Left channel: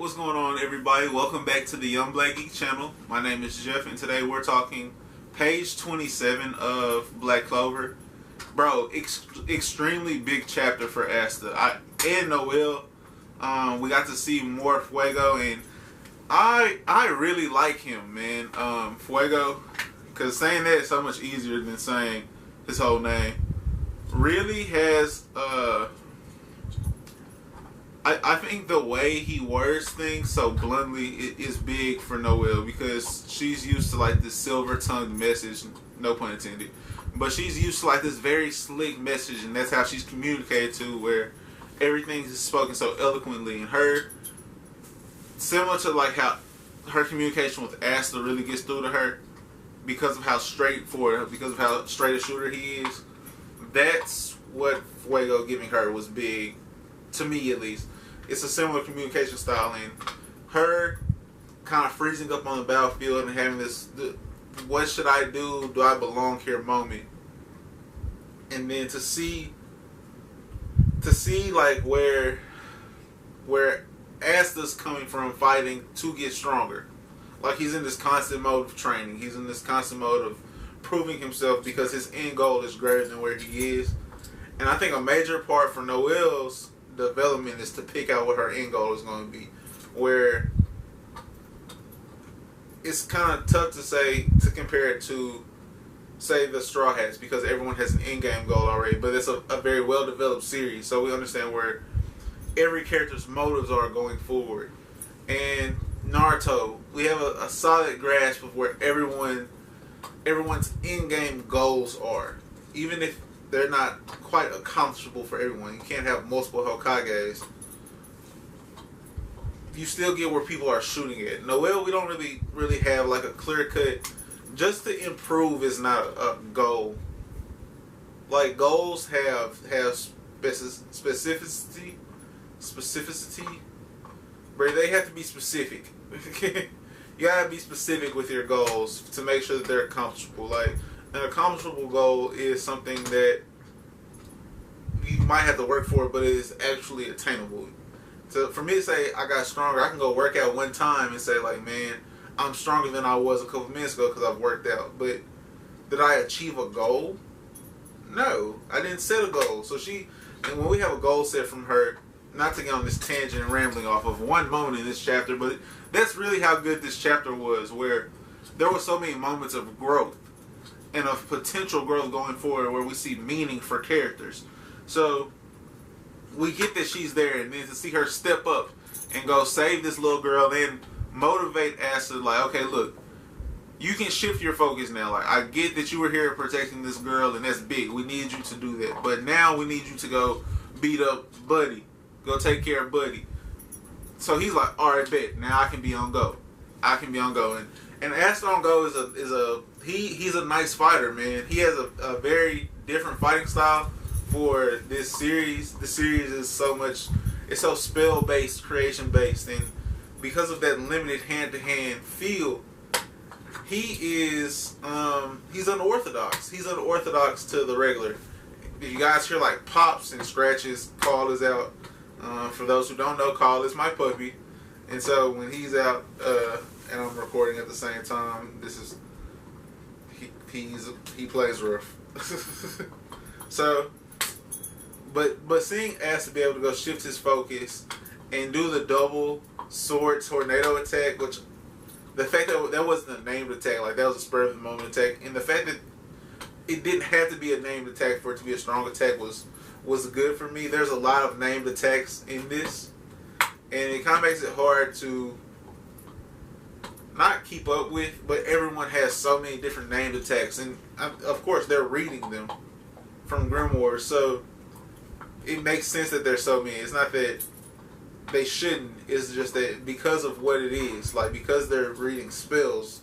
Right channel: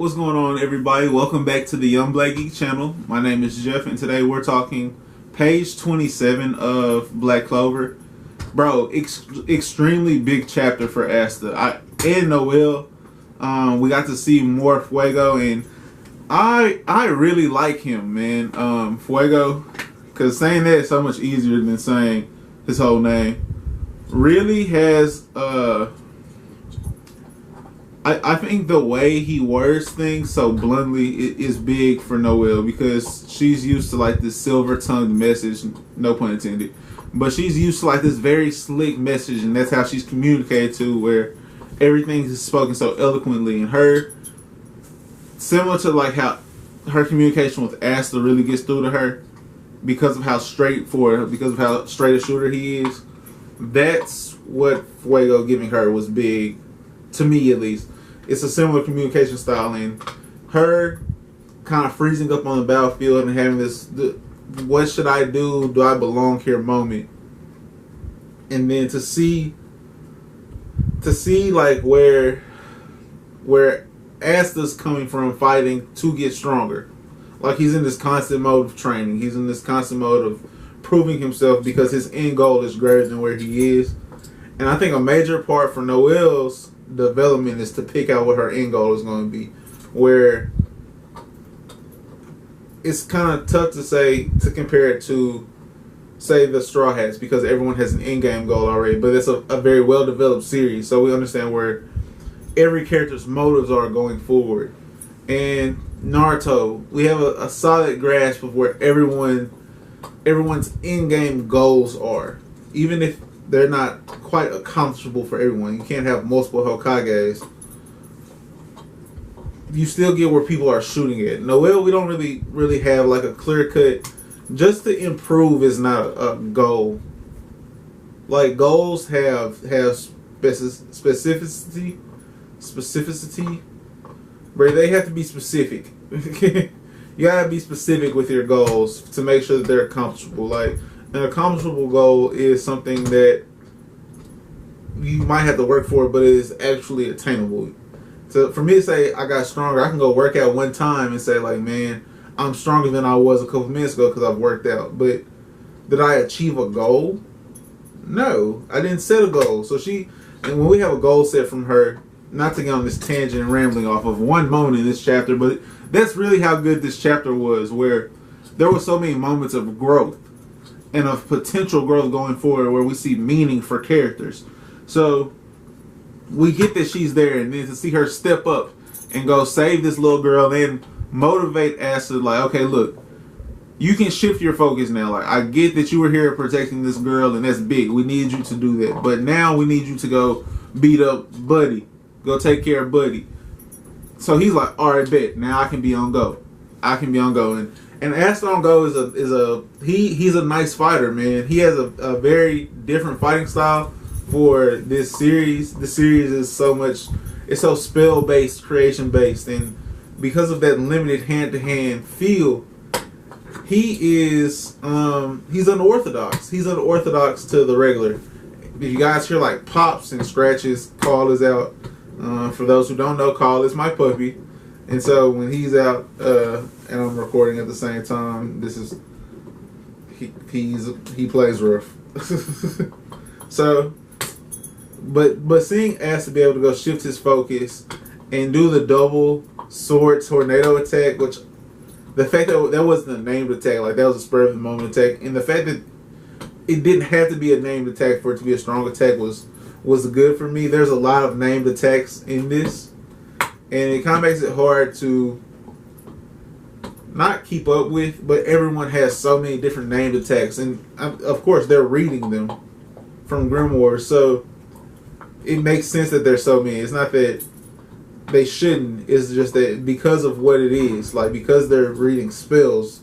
what's going on, everybody? Welcome back to the Young Black Geek channel. My name is Jeff, and today we're talking page 27 of Black Clover. Bro, extremely big chapter for Asta and Noelle. We got to see more Fuego, and I really like him, man. Fuego, because saying that is so much easier than saying his whole name. Really has I think the way he words things so bluntly is big for Noelle, because she's used to like this silver-tongued message, no pun intended, but she's used to like this very slick message, and that's how she's communicated to, where everything is spoken so eloquently. And her, similar to like how her communication with Aster really gets through to her because of how straightforward, because of how straight a shooter he is. That's what Fuego giving her was big, to me at least. It's a similar communication style, and her kind of freezing up on the battlefield and having this, what should I do? Do I belong here moment? And then to see like where Asta's coming from, fighting to get stronger. Like he's in this constant mode of training. He's in this constant mode of proving himself, because his end goal is greater than where he is. And I think a major part for Noelle's development is to pick out what her end goal is going to be, where it's kind of tough to compare it to, say, the Straw Hats, because everyone has an end game goal already, but it's a very well developed series, so we understand where every character's motives are going forward. And Naruto, we have a solid grasp of where everyone's end game goals are, even if they're not quite accomplishable for everyone. You can't have multiple Hokages. You still get where people are shooting at. Noelle, we don't really have like a clear cut. Just to improve is not a goal. Like goals have specificity, where they have to be specific. You gotta be specific with your goals to make sure that they're accomplishable. Like, an accomplishable goal is something that you might have to work for, but it is actually attainable. So for me to say I got stronger, I can go work out one time and say like, man, I'm stronger than I was a couple minutes ago because I've worked out. But did I achieve a goal? No, I didn't set a goal. So and when we have a goal set from her, not to get on this tangent and rambling off of one moment in this chapter, but that's really how good this chapter was, where there were so many moments of growth and of potential growth going forward, where we see meaning for characters. So we get that she's there, and then to see her step up and go save this little girl and motivate Aster, like, okay, look, you can shift your focus now. Like, I get that you were here protecting this girl, and that's big. We need you to do that. But now we need you to go beat up Buddy. Go take care of Buddy. So he's like, all right, bet. Now I can be on go. I can be on go. And Aster on go he's a nice fighter, man. He has a very different fighting style for this series. The series is it's so spell based, creation based, and because of that limited hand to hand feel, he's unorthodox. He's unorthodox to the regular. If you guys hear like pops and scratches, Call is out. For those who don't know, Call is my puppy. And so when he's out, and I'm recording at the same time, he plays rough. So, but seeing Aster be able to go shift his focus and do the double sword tornado attack, which the fact that wasn't a named attack, like that was a spur of the moment attack, and the fact that it didn't have to be a named attack for it to be a strong attack was good for me. There's a lot of named attacks in this, and it kind of makes it hard to not keep up with, but everyone has so many different named attacks, and of course they're reading them from Grimoire, so it makes sense that there's so many. It's not that they shouldn't, it's just that because of what it is, like because they're reading spells,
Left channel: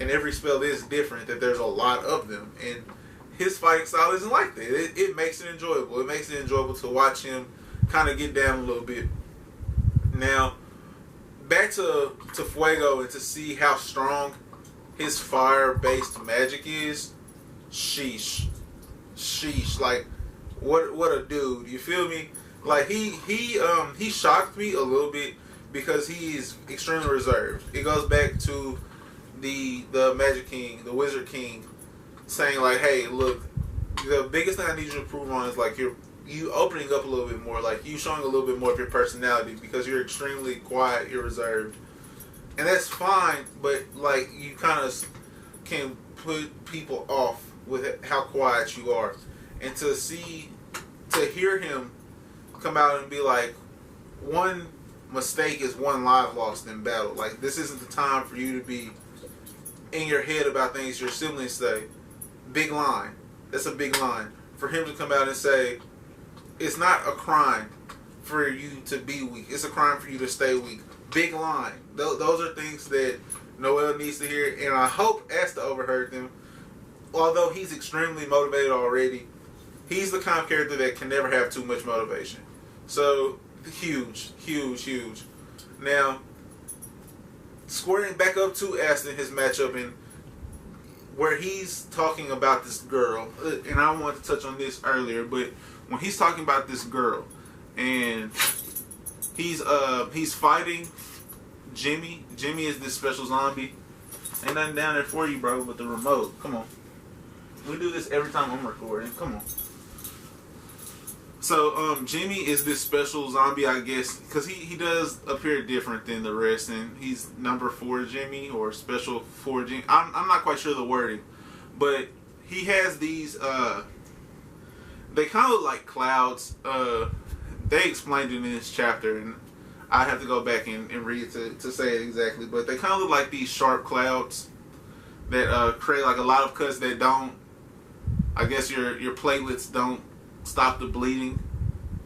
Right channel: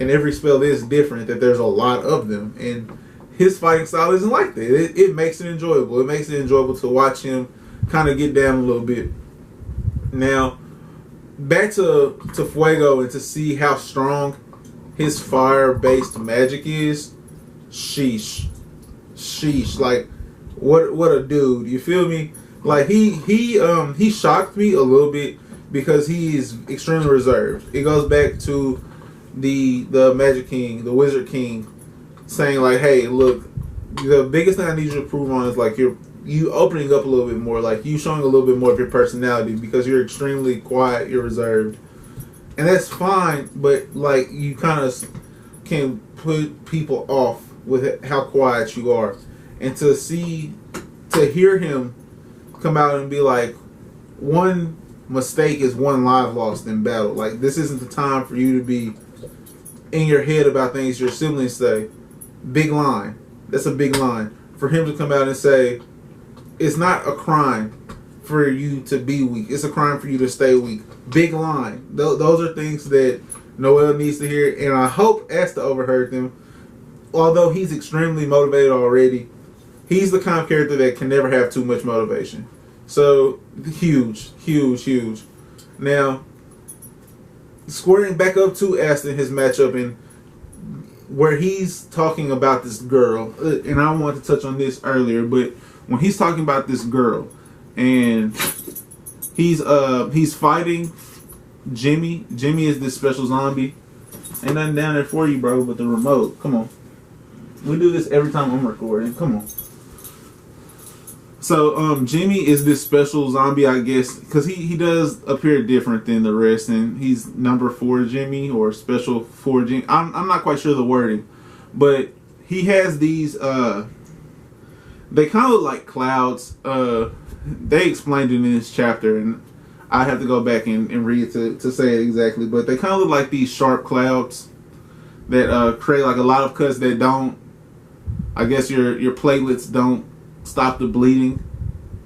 and every spell is different, that there's a lot of them, and his fighting style isn't like that. It makes it enjoyable. It makes it enjoyable to watch him kind of get down a little bit. Now, back to Fuego, and to see how strong his fire-based magic is. Sheesh. Like, what a dude. You feel me? Like, he shocked me a little bit because he is extremely reserved. It goes back to the Magic King, the Wizard King, saying like, "Hey, look, the biggest thing I need you to prove on is like you opening up a little bit more, like you showing a little bit more of your personality because you're extremely quiet, you're reserved, and that's fine. But like you kind of can put people off with how quiet you are, and to hear him come out and be like, one mistake is one life lost in battle. Like this isn't the time for you to be in your head about things your siblings say." Big line. That's a big line. For him to come out and say, it's not a crime for you to be weak. It's a crime for you to stay weak. Big line. Those are things that Noelle needs to hear, and I hope Asta overheard them. Although he's extremely motivated already, he's the kind of character that can never have too much motivation. So, huge, huge, huge. Now, squaring back up to Asta in his matchup, and where he's talking about this girl, and I wanted to touch on this earlier, but when he's talking about this girl, and he's fighting Jimmy. Jimmy is this special zombie. Ain't nothing down there for you, bro, but the remote. Come on. We do this every time I'm recording. Come on. So, Jimmy is this special zombie, I guess, because he does appear different than the rest, and he's number 4 Jimmy, or special 4 Jimmy. I'm not quite sure the wording, but he has these, they kind of look like clouds. They explained it in this chapter, and I have to go back and read it to say it exactly, but they kind of look like these sharp clouds that create like a lot of cuts that don't, I guess your platelets don't stop the bleeding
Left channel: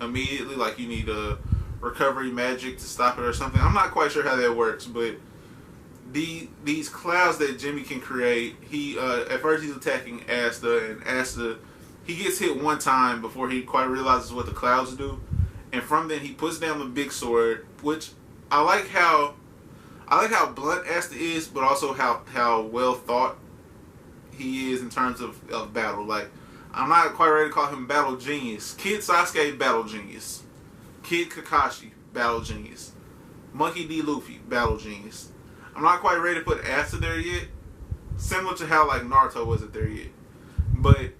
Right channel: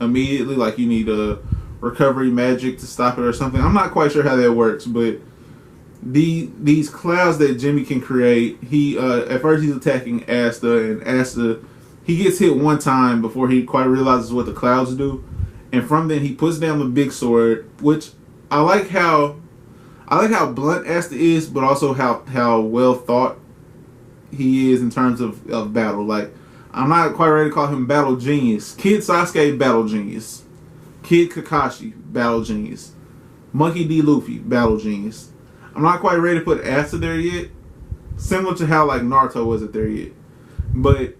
immediately, like you need a recovery magic to stop it or something. I'm not quite sure how that works, but these clouds that Jimmy can create, he at first he's attacking Asta, and Asta, he gets hit one time before he quite realizes what the clouds do, and from then he puts down the big sword, which I like how blunt Asta is, but also how well thought he is in terms of battle. Like, I'm not quite ready to call him battle genius. Kid Sasuke, battle genius. Kid Kakashi, battle genius. Monkey D. Luffy, battle genius. I'm not quite ready to put Asta there yet. Similar to how like Naruto wasn't there yet. But,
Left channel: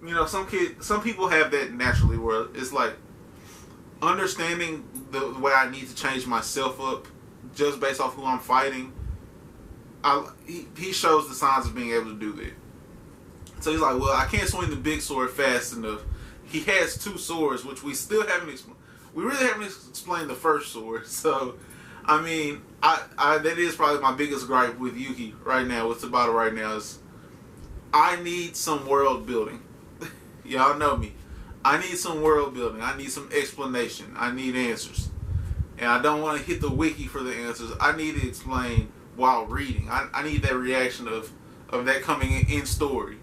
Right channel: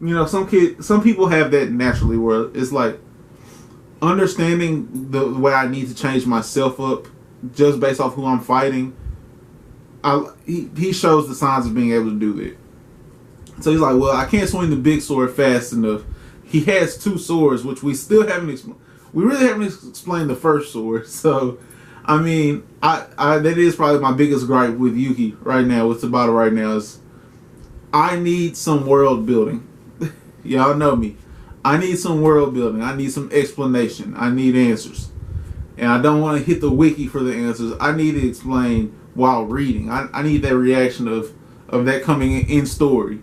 you know, some people have that naturally, where it's like understanding the way I need to change myself up just based off who I'm fighting. He shows the signs of being able to do that. So he's like, well, I can't swing the big sword fast enough. He has 2 swords, which we still haven't we really haven't explained the first sword. So, I mean, that is probably my biggest gripe with Yuki right now, with Tabata right now, is I need some world building. Y'all know me. I need some world building. I need some explanation. I need answers. And I don't want to hit the wiki for the answers. I need to explain while reading. I need that reaction of that coming in story.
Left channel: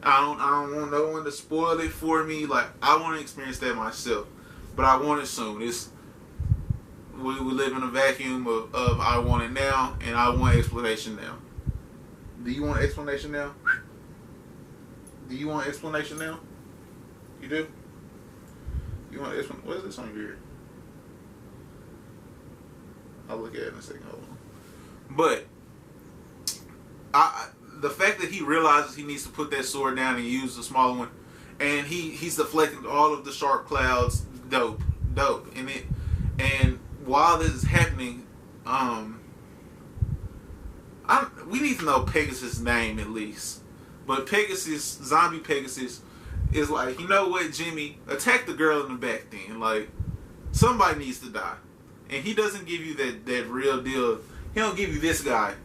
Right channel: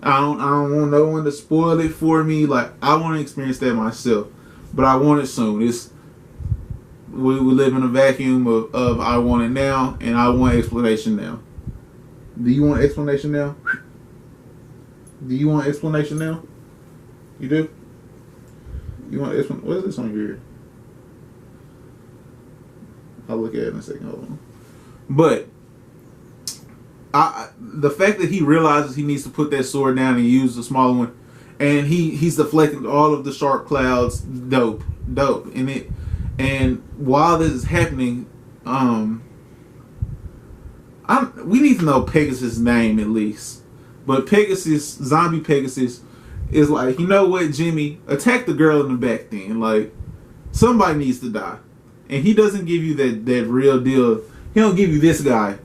I don't want no one to spoil it for me. Like, I want to experience that myself, but I want it soon. We live in a vacuum of I want it now, and I want explanation now. Do you want explanation now? Do you want explanation now? You do? You want explanation? What is this on here? I'll look at it in a second. Hold on. But the fact that he realizes he needs to put that sword down and use the smaller one, and he's deflecting all of the sharp clouds, dope. And while this is happening, we need to know Pegasus' name at least. But Pegasus, zombie Pegasus, is like, you know what, Jimmy, attack the girl in the back then. Like, somebody needs to die. And he doesn't give you that real deal. He don't give you this guy.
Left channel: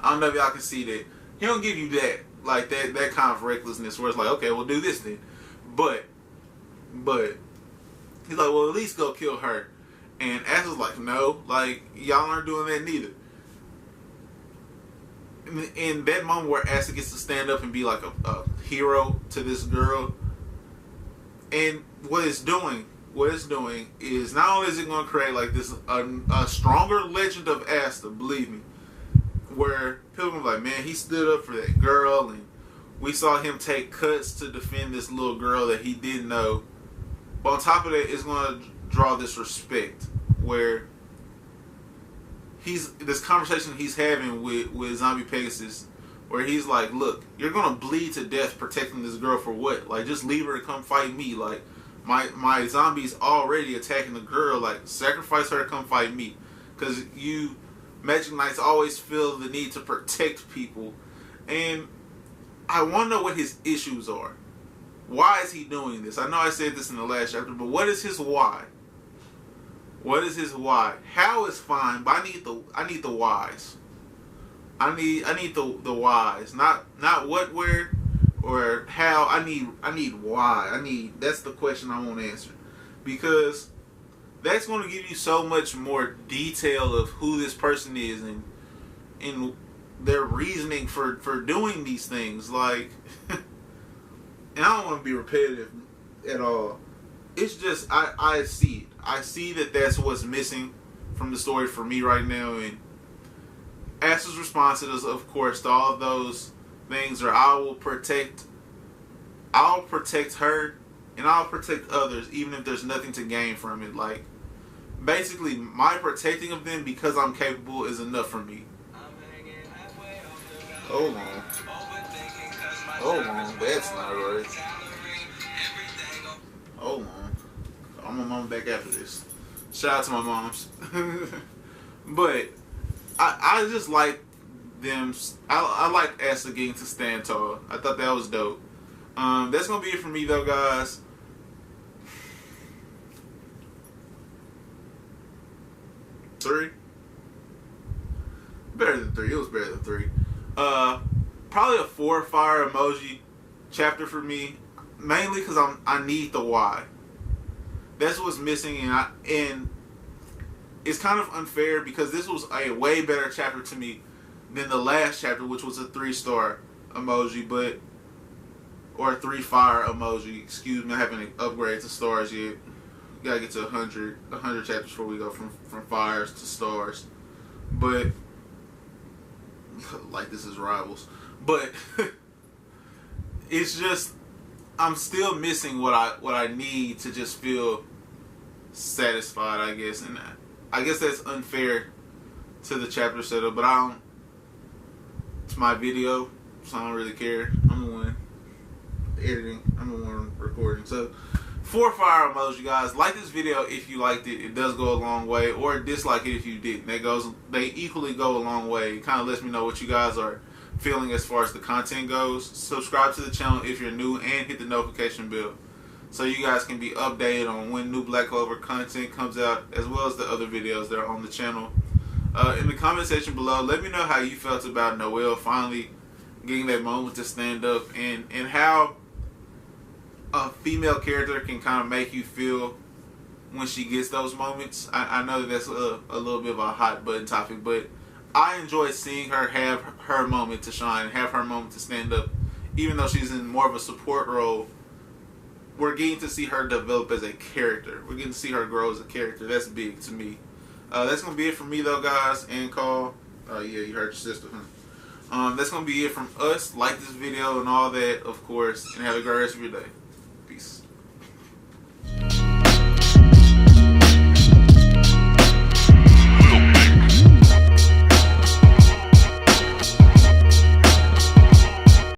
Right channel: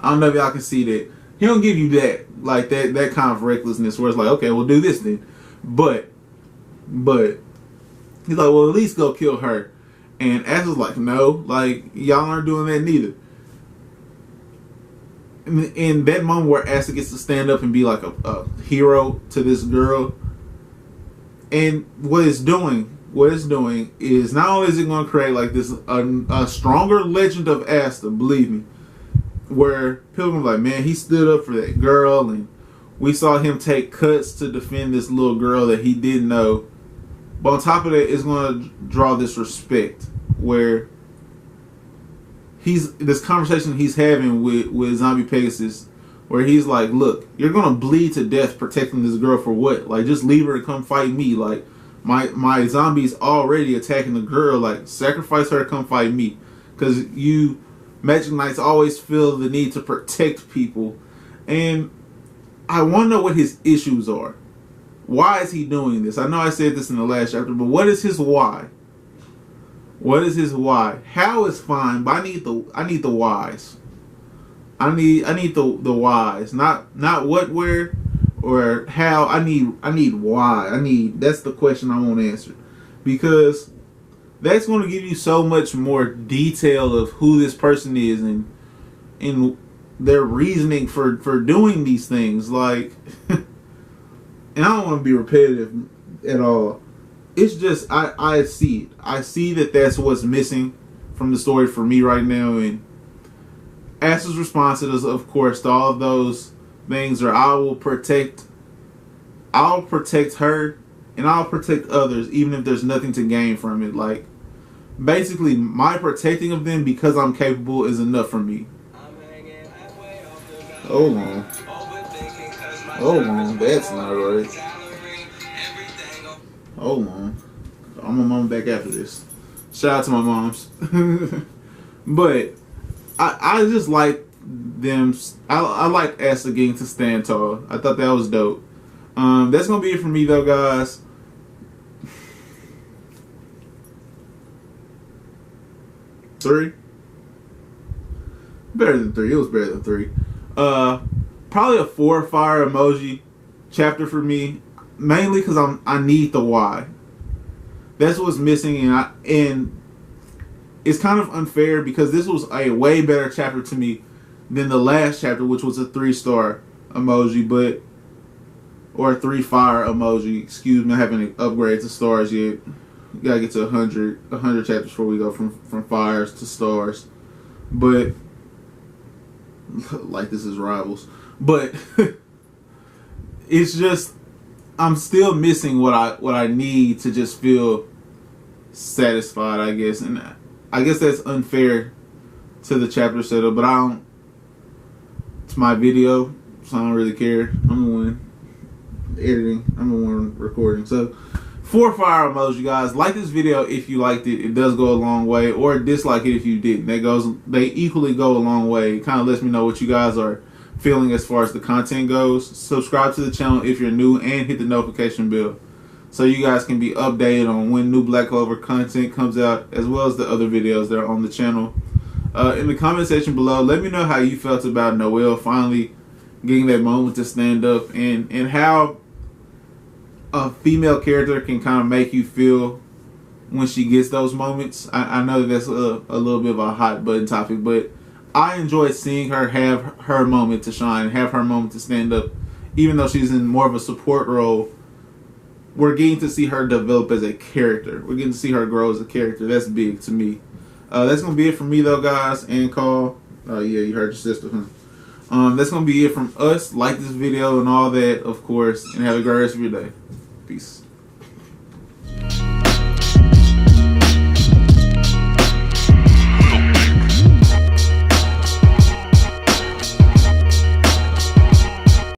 I don't know if y'all can see that. He don't give you that, like that kind of recklessness where it's like, okay, we'll do this then. But he's like, well, at least go kill her. And Asta's like, no, like, y'all aren't doing that neither. In that moment where Asta gets to stand up and be like a hero to this girl, and what it's doing is not only is it going to create like this a stronger legend of Asta, believe me, where people are like, man, he stood up for that girl, and we saw him take cuts to defend this little girl that he didn't know. But on top of that, it's going to draw this respect where this conversation he's having with Zombie Pegasus, where he's like, look, you're gonna bleed to death protecting this girl for what? Like, just leave her to come fight me. Like, my zombie's already attacking the girl. Like, sacrifice her to come fight me. Because you Magic Knights always feel the need to protect people. And I want to know what his issues are. Why is he doing this? I know I said this in the last chapter, but what is his why? What is his why? How is fine, but I need the whys. I need the whys. Not what, where, or how. I need why. That's the question I want answered. Because that's going to give you so much more detail of who this person is and their reasoning for doing these things. Like, and I don't want to be repetitive at all. It's just, I see it. I see that that's what's missing from the story for me right now. And Aster's response to this, of course, to all of those things are, I'll protect her and I'll protect others, even if there's nothing to gain from it. Like, basically, my protecting of them because I'm capable is enough for me. Hold on, that's not right. Hold on, I'm gonna mom back after this. Shout out to my moms. But I just like them. I like Asta getting to stand tall. I thought that was dope. That's gonna be it for me though, guys. Three? Better than three. It was better than three. Probably a 4 fire emoji chapter for me. Mainly because I need the why. That's what's missing, and it's kind of unfair because this was a way better chapter to me than the last chapter, which was a 3-star emoji, or a 3 fire emoji. Excuse me, I haven't upgraded to stars yet. You gotta get to 100 chapters before we go from fires to stars. But like this is Rivals. But it's just, I'm still missing what I need to just feel satisfied, I guess. And I guess that's unfair to the chapter setup, but it's my video, so I don't really care. I'm the one editing. I'm the one recording. So 4 fire emoji, guys. Like this video if you liked it. It does go a long way. Or dislike it if you didn't. They equally go a long way. It kind of lets me know what you guys are feeling as far as the content goes. Subscribe to the channel if you're new and hit the notification bell so you guys can be updated on when new Black Clover content comes out, as well as the other videos that are on the channel. In the comment section below, let me know how you felt about Noelle finally getting that moment to stand up, and how a female character can kind of make you feel when she gets those moments. I know that's a little bit of a hot button topic, but I enjoy seeing her have her moment to shine, have her moment to stand up. Even though she's in more of a support role, we're getting to see her develop as a character. We're getting to see her grow as a character. That's big to me. That's going to be it from me, though, guys. And call. Oh, yeah, you heard your sister, huh? That's going to be it from us. Like this video and all that, of course. And have a great rest of your day. Peace.